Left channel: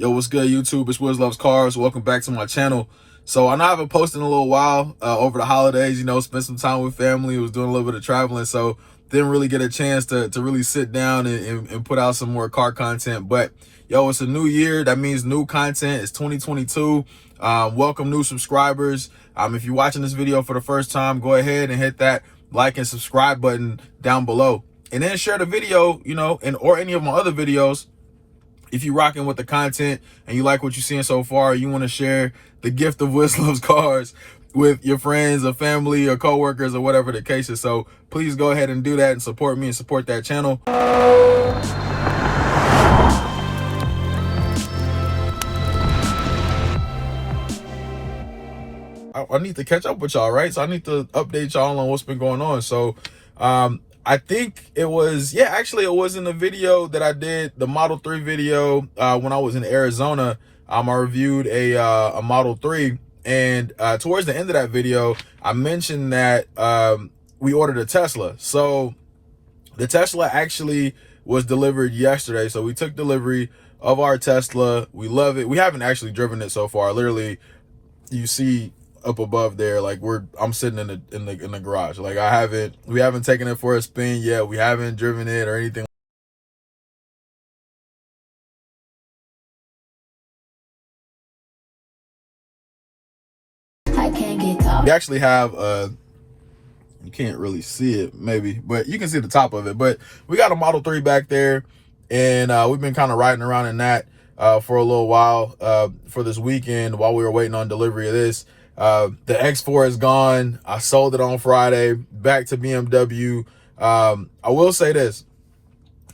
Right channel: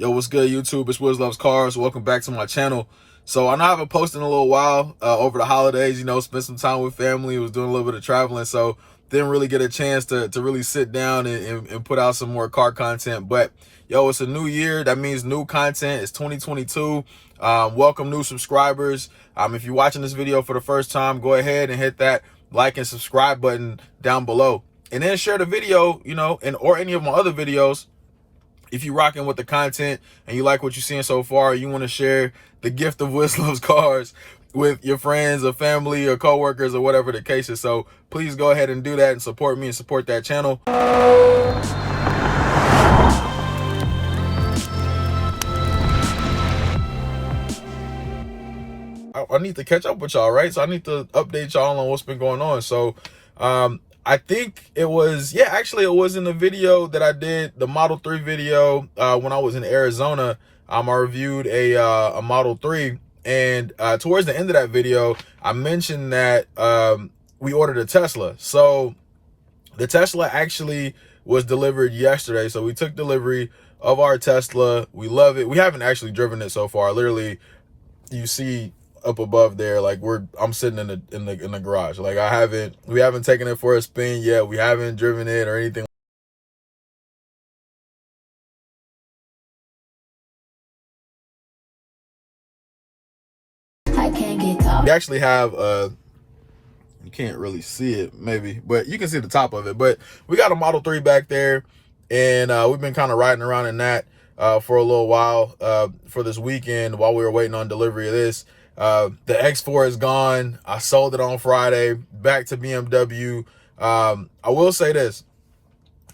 Yo, what's good, YouTube? It's Wiz Loves Cars. Welcome back to my channel. So I know I haven't posted in a little while over the holidays, spent some time with family, was doing a little bit of traveling, so didn't really get a chance to really sit down and put out some more car content. But yo, it's a new year. That means new content. It's 2022. Welcome new subscribers. If you're watching this video for the first time, go ahead and hit that like and subscribe button down below. And then share the video, or any of my other videos. If you're rocking with the content and you like what you're seeing so far, you want to share the gift of Wiz Loves Cars with your friends or family or coworkers or whatever the case is. So please go ahead and do that and support me and support that channel. I need to catch up with y'all, right? So I need to update y'all on what's been going on. So I think it was, actually it was in the video that I did, the Model 3 video, when I was in Arizona. I reviewed a Model 3, and towards the end of that video, I mentioned that we ordered a Tesla. So the Tesla actually was delivered yesterday. So we took delivery of our Tesla. We love it. We haven't actually driven it so far. Literally, you see up above there, like I'm sitting in the garage. Like we haven't taken it for a spin yet. We haven't driven it or anything. I can't get caught. We actually have you can't really see it maybe, but you can see the top of it. But we got a Model 3 back there, and we've been kind of riding around in that for a little while for this weekend while we were waiting on delivery of this. The X4 is gone. I sold it on Friday, back to BMW. I will say this.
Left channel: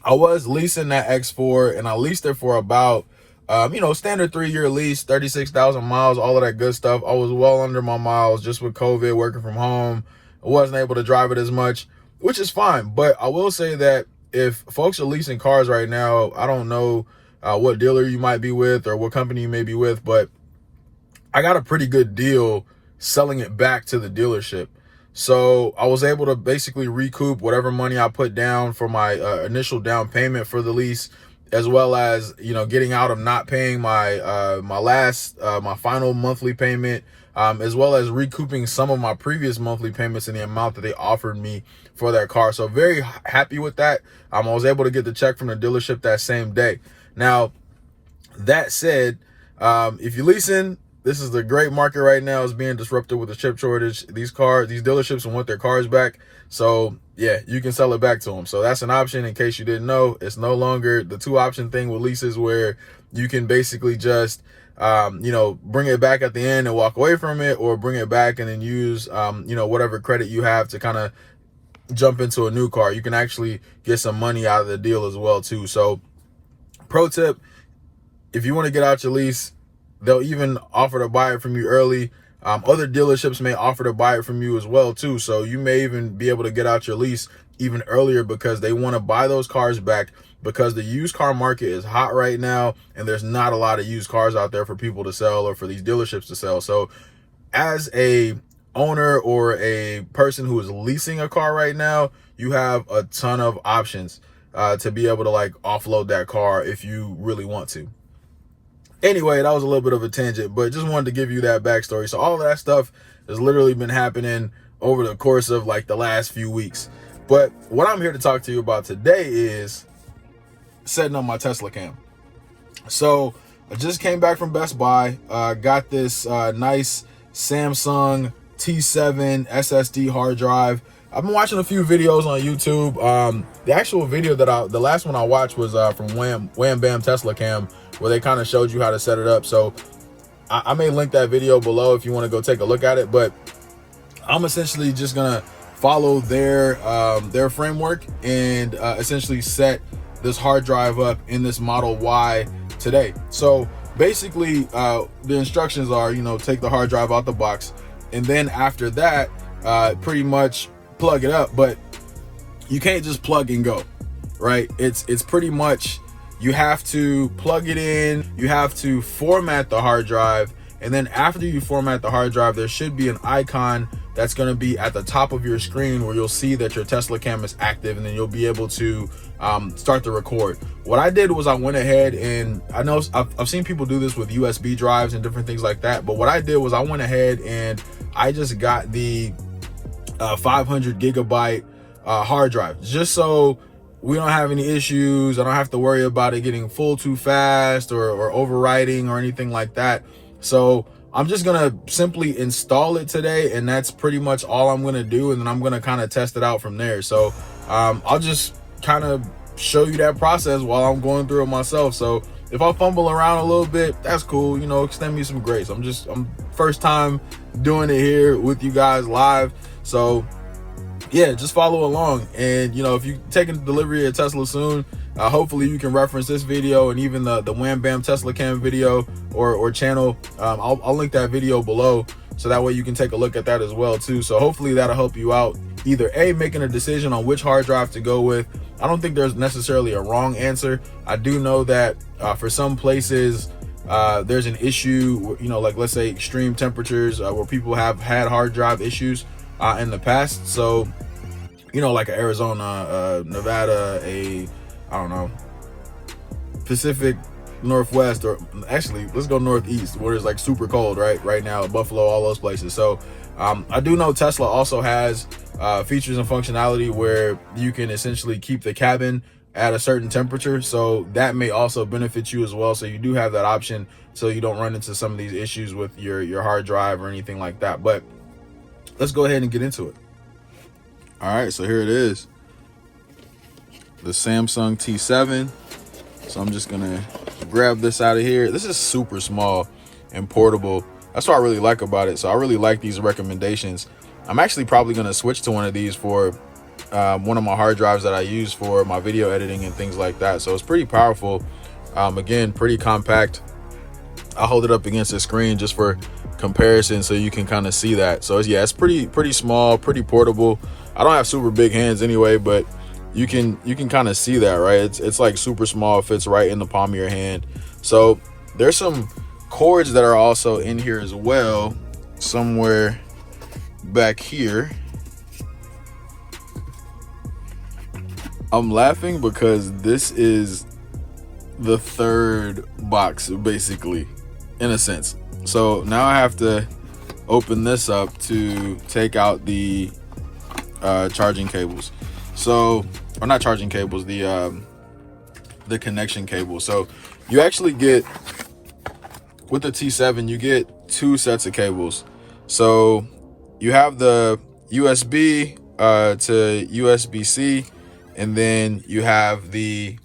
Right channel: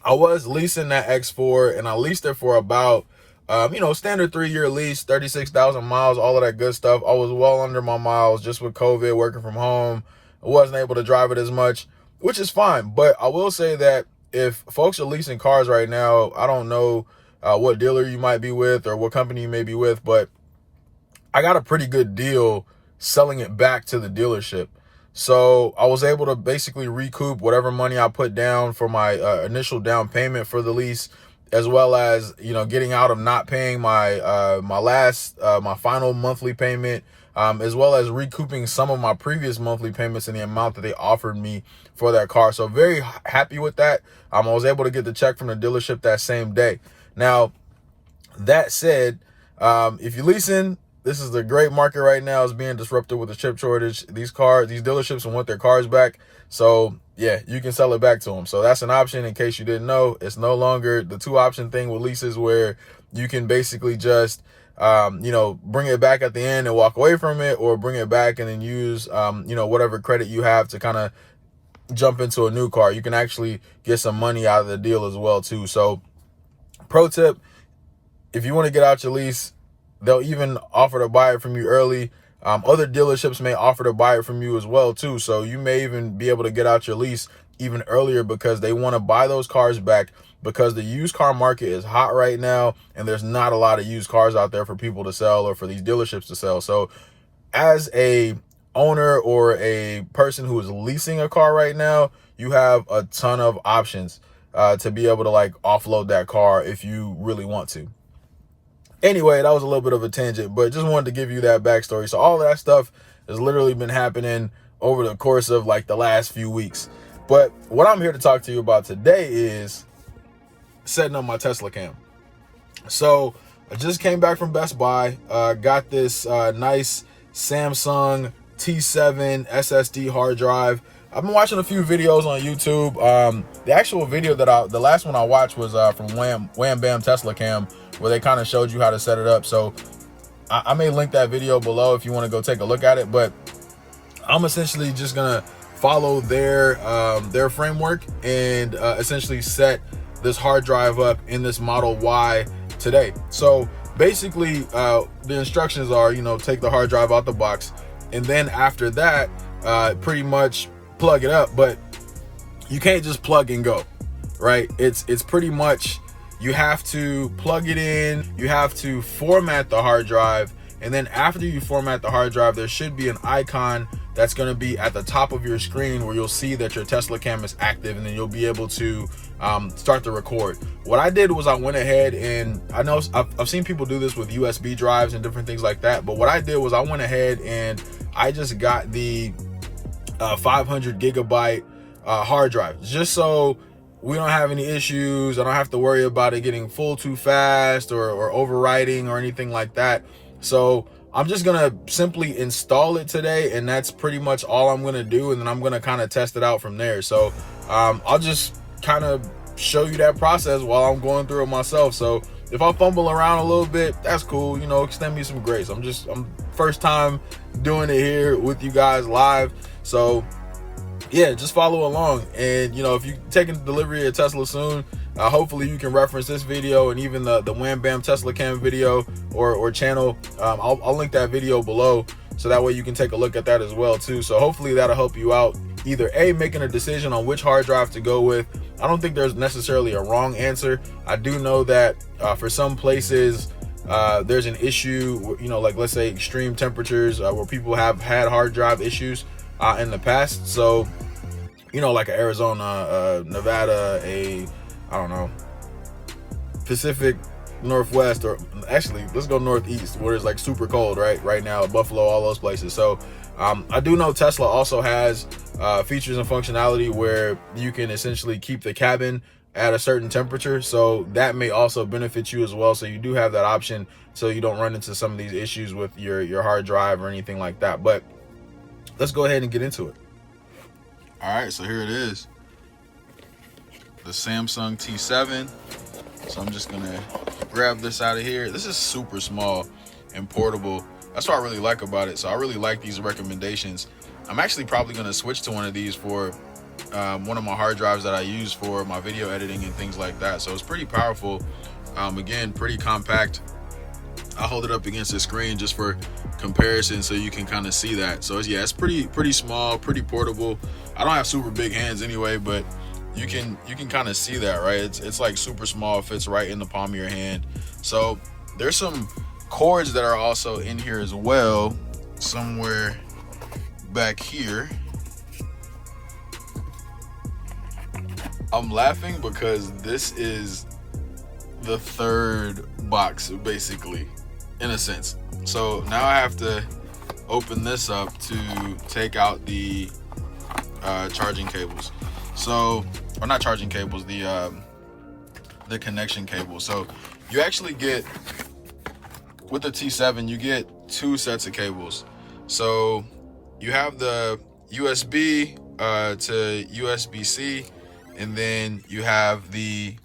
I was leasing that X4, and I leased it for about, standard 3-year lease, 36,000 miles, all of that good stuff. I was well under my miles just with COVID, working from home. I wasn't able to drive it as much, which is fine. But I will say that if folks are leasing cars right now, I don't know what dealer you might be with or what company you may be with, but I got a pretty good deal selling it back to the dealership. So I was able to basically recoup whatever money I put down for my initial down payment for the lease, as well as, getting out of not paying my my final monthly payment, as well as recouping some of my previous monthly payments in the amount that they offered me for that car. So very happy with that. I was able to get the check from the dealership that same day. Now, that said, if you're leasing, this is the great market right now. It's being disrupted with the chip shortage. These dealerships want their cars back. So yeah, you can sell it back to them. So that's an option in case you didn't know. It's no longer the 2-option thing with leases where you can basically just, bring it back at the end and walk away from it, or bring it back and then use, whatever credit you have to kind of jump into a new car. You can actually get some money out of the deal as well too. So pro tip, if you want to get out your lease, they'll even offer to buy it from you early. Other dealerships may offer to buy it from you as well too. So you may even be able to get out your lease even earlier because they want to buy those cars back, because the used car market is hot right now and there's not a lot of used cars out there for people to sell or for these dealerships to sell. So as a owner or a person who is leasing a car right now, you have a ton of options to be able to offload that car if you really want to. Anyway, that was a little bit of a tangent, but just wanted to give you that backstory. So all of that stuff has literally been happening over the course of the last few weeks. But what I'm here to talk to you about today is setting up my TESLACAM. So I just came back from Best Buy, got this nice Samsung T7 SSD hard drive. I've been watching a few videos on YouTube. The actual video the last one I watched was from WHAM Bam TESLACAM, where they kind of showed you how to set it up. So I may link that video below if you want to go take a look at it. But I'm essentially just gonna follow their framework and essentially set this hard drive up in this Model Y today. So basically, the instructions are, take the hard drive out the box, and then after that, pretty much plug it up. But you can't just plug and go, right? It's pretty much, you have to plug it in, you have to format the hard drive, and then after you format the hard drive, there should be an icon that's going to be at the top of your screen where you'll see that your TESLACAM is active, and then you'll be able to start to record. What I did was I went ahead, and I know I've seen people do this with USB drives and different things like that, but what I did was I went ahead and I just got the 500 gigabyte hard drive, just so we don't have any issues. I don't have to worry about it getting full too fast or overwriting or anything like that. So I'm just gonna simply install it today, and that's pretty much all I'm gonna do, and then I'm gonna kind of test it out from there. So I'll just kind of show you that process while I'm going through it myself. So if I fumble around a little bit, that's cool, you know, extend me some grace. I'm first time doing it here with you guys live, so yeah, just follow along. And you know, if you're taking delivery of Tesla soon, hopefully you can reference this video and even the Wham Bam TESLACAM video or channel. I'll link that video below, so that way you can take a look at that as well too. So hopefully that'll help you out, either making a decision on which hard drive to go with. I don't think there's necessarily a wrong answer. I do know that for some places there's an issue, you know, like let's say extreme temperatures where people have had hard drive issues in the past. So you know, like Arizona, Nevada, I don't know, Pacific Northwest, or actually let's go Northeast, where it's like super cold right now, Buffalo, all those places. So I do know Tesla also has features and functionality where you can essentially keep the cabin at a certain temperature, so that may also benefit you as well. So you do have that option, so you don't run into some of these issues with your hard drive or anything like that. But let's go ahead and get into it. All right, so here it is, the Samsung T7. So I'm just gonna grab this out of here. This is super small and portable. That's what I really like about it. So I really like these recommendations. I'm actually probably gonna switch to one of these for one of my hard drives that I use for my video editing and things like that. So it's pretty powerful. Again, pretty compact. I'll hold it up against the screen just for comparison so you can kind of see that. So yeah, it's pretty small, pretty portable. I don't have super big hands anyway, but you can kind of see that, right? It's like super small, fits right in the palm of your hand. So there's some cords that are also in here as well, somewhere back here. I'm laughing because this is the third box, basically, in a sense. So now I have to open this up to take out the charging cables. So, or not charging cables, the connection cable. So you actually get, with the T7, you get two sets of cables. So you have the USB to USB-C, and then you have the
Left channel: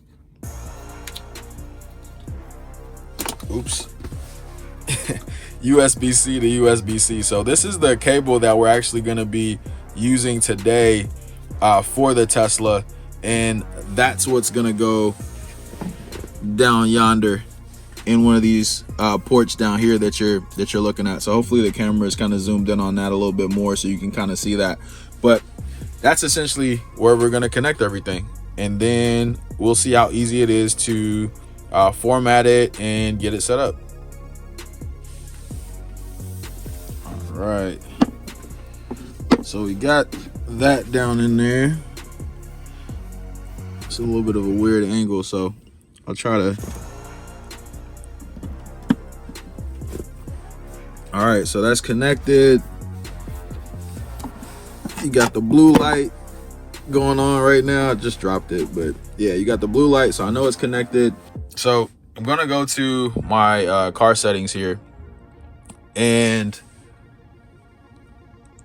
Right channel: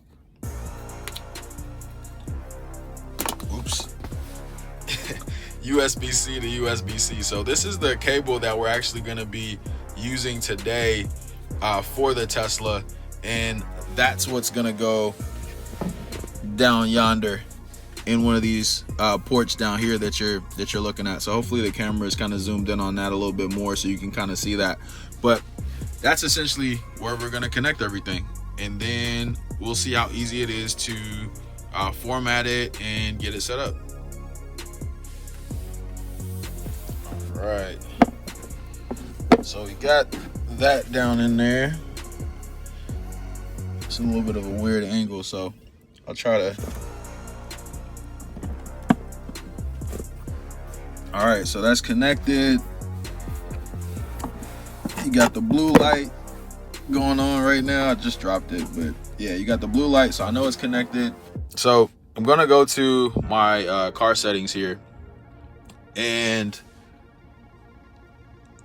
USB-C to USB-C. So this is the cable that we're actually going to be using today for the Tesla, and that's what's going to go down yonder in one of these ports down here that you're looking at. So hopefully the camera is kind of zoomed in on that a little bit more so you can kind of see that. But that's essentially where we're going to connect everything, and then we'll see how easy it is to format it and get it set up. All right, so we got that down in there. It's a little bit of a weird angle, so I'll try to. All right, so that's connected. You got the blue light going on right now. I just dropped it, but yeah, you got the blue light, so I know it's connected. So I'm gonna go to my car settings here, and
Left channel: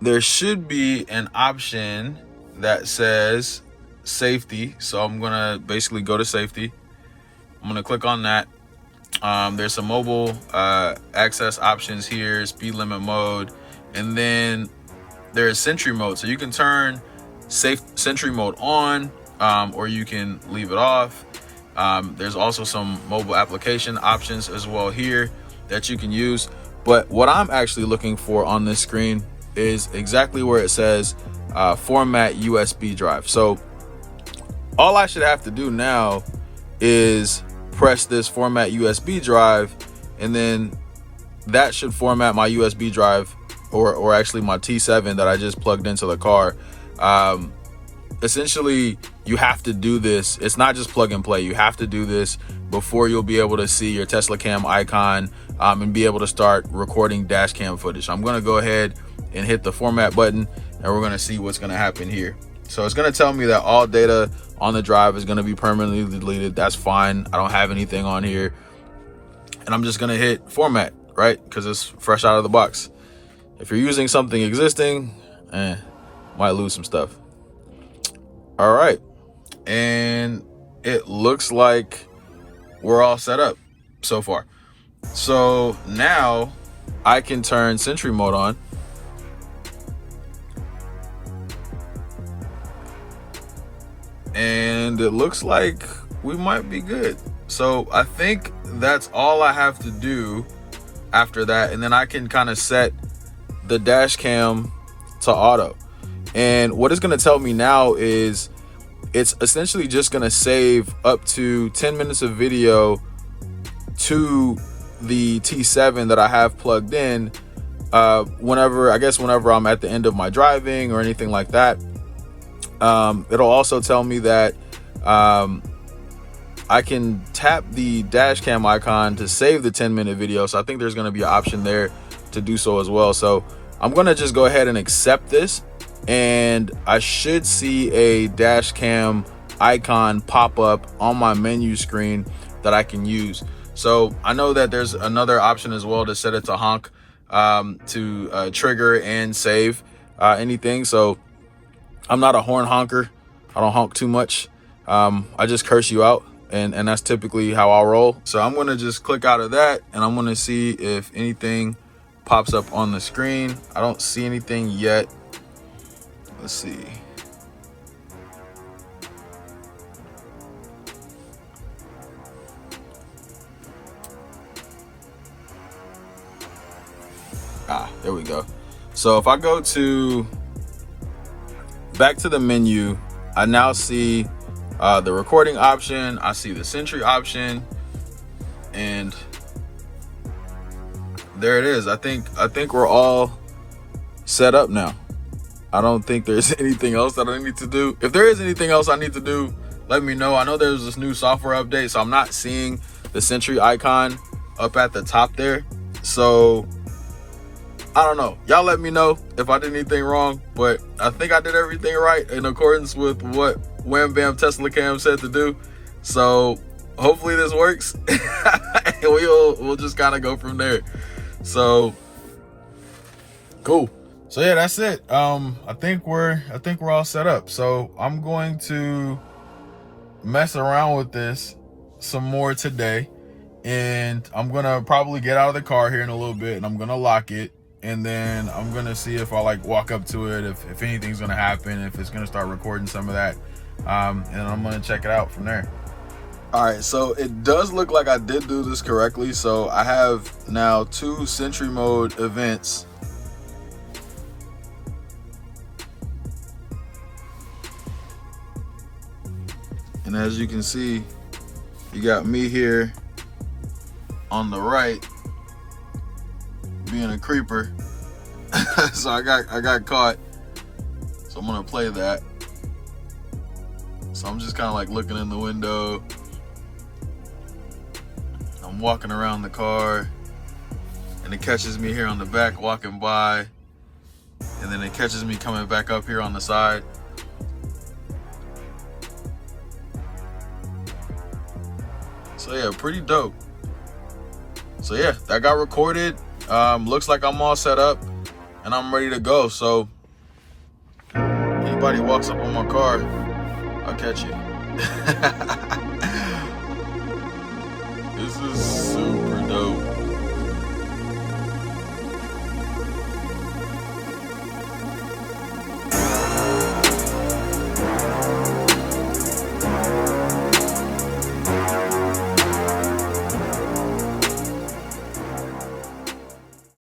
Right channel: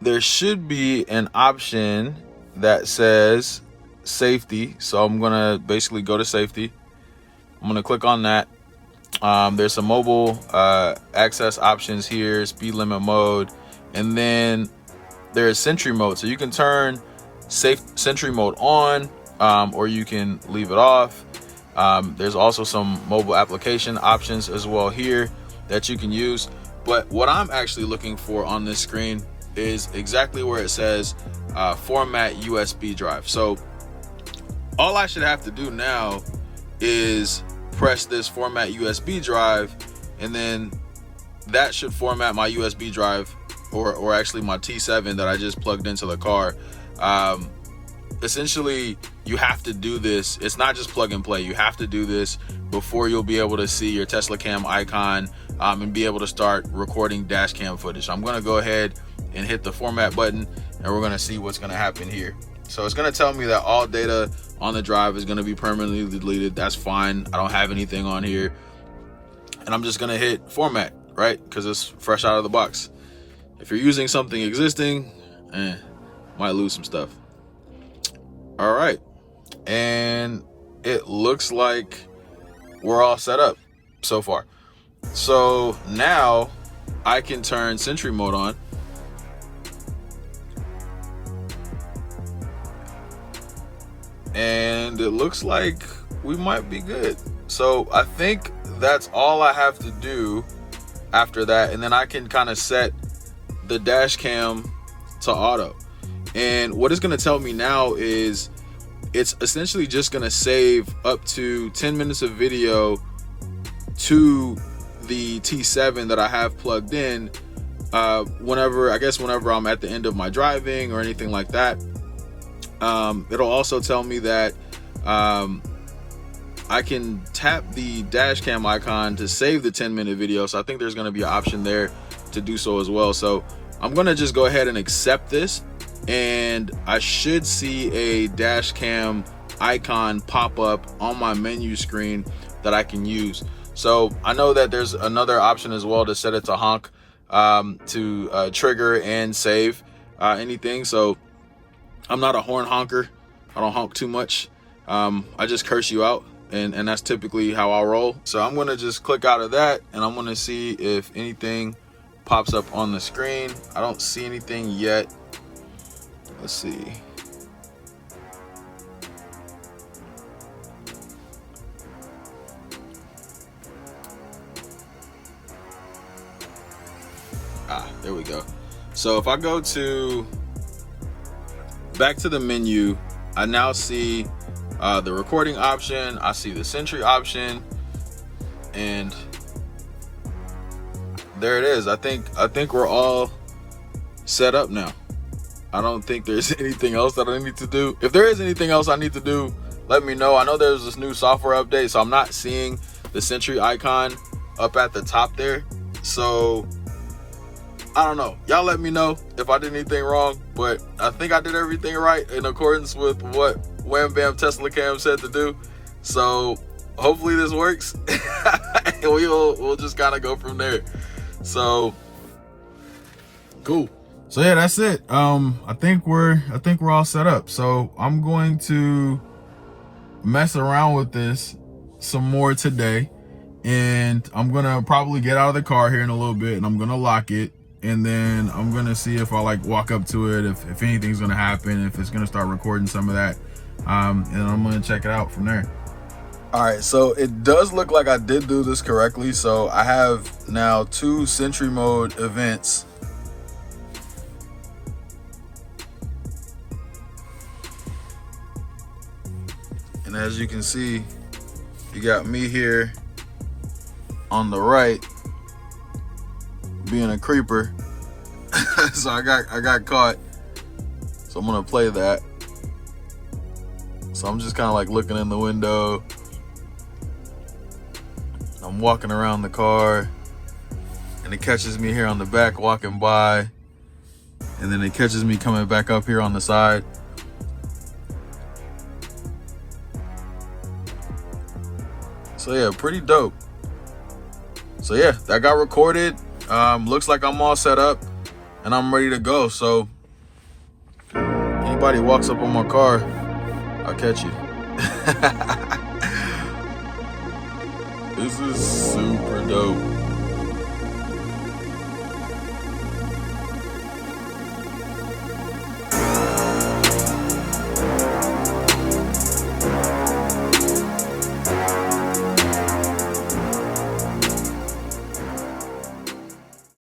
there should be an option that says safety. So I'm gonna basically go to safety. I'm gonna click on that. There's some mobile access options here, speed limit mode, and then there's Sentry mode. So you can turn Sentry mode on, or you can leave it off. There's also some mobile application options as well here that you can use. But what I'm actually looking for on this screen is exactly where it says format USB drive. So all I should have to do now is press this format USB drive, and then that should format my USB drive or actually my T7 that I just plugged into the car. Essentially, you have to do this. It's not just plug and play. You have to do this before you'll be able to see your TESLACAM icon and be able to start recording dash cam footage. So I'm going to go ahead and hit the format button, and we're going to see what's going to happen here. So it's going to tell me that all data on the drive is going to be permanently deleted. That's fine. I don't have anything on here. And I'm just going to hit format, right? Because it's fresh out of the box. If you're using something existing, might lose some stuff. All right. And it looks like we're all set up so far. So now I can turn Sentry mode on. And it looks like we might be good. So I think that's all I have to do after that. And then I can kind of set the dash cam to auto. And what it's going to tell me now is it's essentially just going to save up to 10 minutes of video to the T7 that I have plugged in whenever I'm at the end of my driving or anything like that. It'll also tell me that I can tap the dash cam icon to save the 10-minute video. So I think there's going to be an option there to do so as well. So I'm going to just go ahead and accept this, and I should see a dash cam icon pop up on my menu screen that I can use. So I know that there's another option as well to set it to honk, to trigger and save anything. So I'm not a horn honker. I don't honk too much. I just curse you out, and that's typically how I'll roll. So I'm gonna just click out of that, and I'm gonna see if anything pops up on the screen. I don't see anything yet. Let's see. There we go. So if I go back to the menu, I now see the recording option. I see the Sentry option, and there it is. I think we're all set up now. I don't think there's anything else that I need to do. If there is anything else I need to do, let me know. I know there's this new software update, so I'm not seeing the Sentry icon up at the top there. So I don't know. Y'all let me know if I did anything wrong, but I think I did everything right in accordance with what Wham Bam TESLACAM said to do. So hopefully this works, and we'll just kind of go from there. So cool. So yeah, that's it. I think we're all set up. So I'm going to mess around with this some more today, and I'm gonna probably get out of the car here in a little bit, and I'm gonna lock it. And then I'm gonna see if I walk up to it, if anything's gonna happen, if it's gonna start recording some of that. And then I'm gonna check it out from there. All right, so it does look like I did do this correctly. So I have now 2 Sentry mode events. And as you can see, you got me here on the right being a creeper. So I got caught. So I'm gonna play that. So I'm just kind of looking in the window. I'm walking around the car, and it catches me here on the back walking by, and then it catches me coming back up here on the side. So yeah, pretty dope. So yeah, that got recorded. Looks like I'm all set up and I'm ready to go. So anybody walks up on my car, I'll catch you. This is super dope.